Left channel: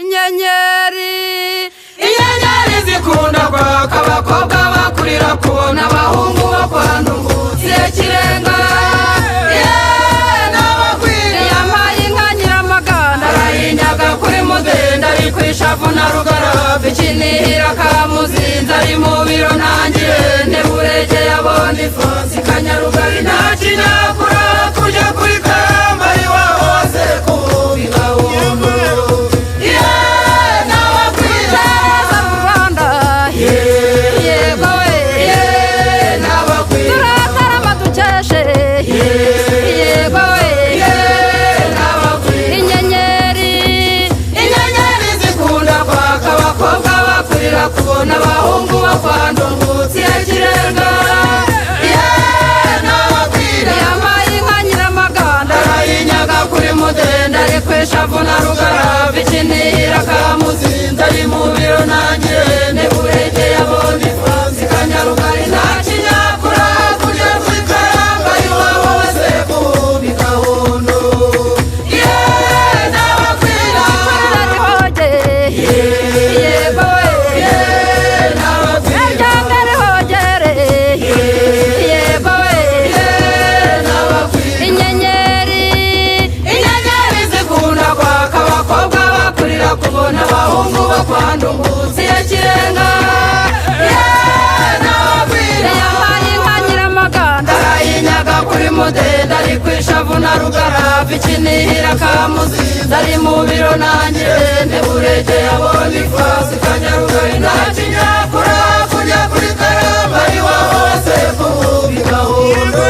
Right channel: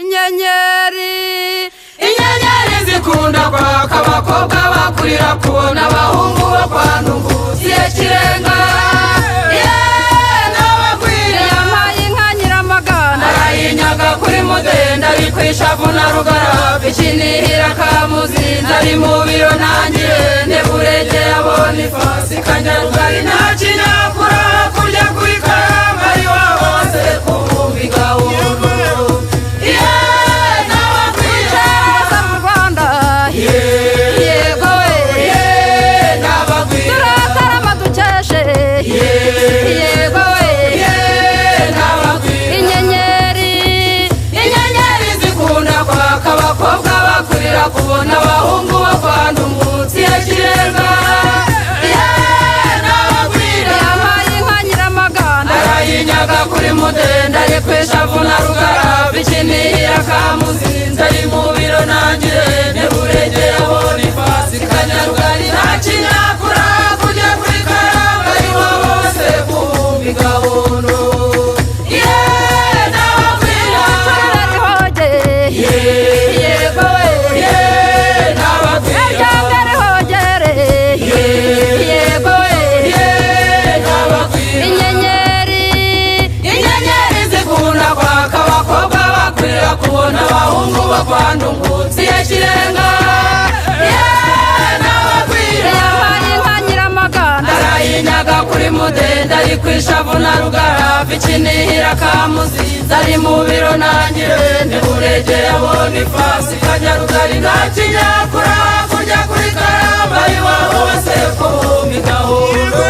inyenyeri zikunda kwaka abakobwa bakurira kubona abahungu bo kwa ndungutse kirenga yampaye inka nyiramaganda arayinyaga kuri mudenda bikwishavu na rugara bikinihira kamuzinzi ari mu biro ntangire nteburege yabona ifasi kanyarugari nta kinyakura kurya kuri karamba iwabo hose kuvuga gahunda kubona abahungu bo kwa ndungutse kirenga yampaye inka nyiramaganda arayinyaga kuri mudenda ari kwishavu na rugara bikinihira kamuzinzi ari mu biro ntangire nteburege yabona ifasi kanyarugari nta kinyakura kurya kuri karamba iwabo bose kumbi gahondo kubona abahungu bo kwa ndungutse kirenga yampaye inka nyiramaganda arayinyaga kuri mudenda ari kwishavu na rugara bikinihira kamuzinzi ari mu biro ntangire nteburege yabona ifasi kanyarugari nta kinyakura kujya kuri karamba iwabo bose kubi gahunda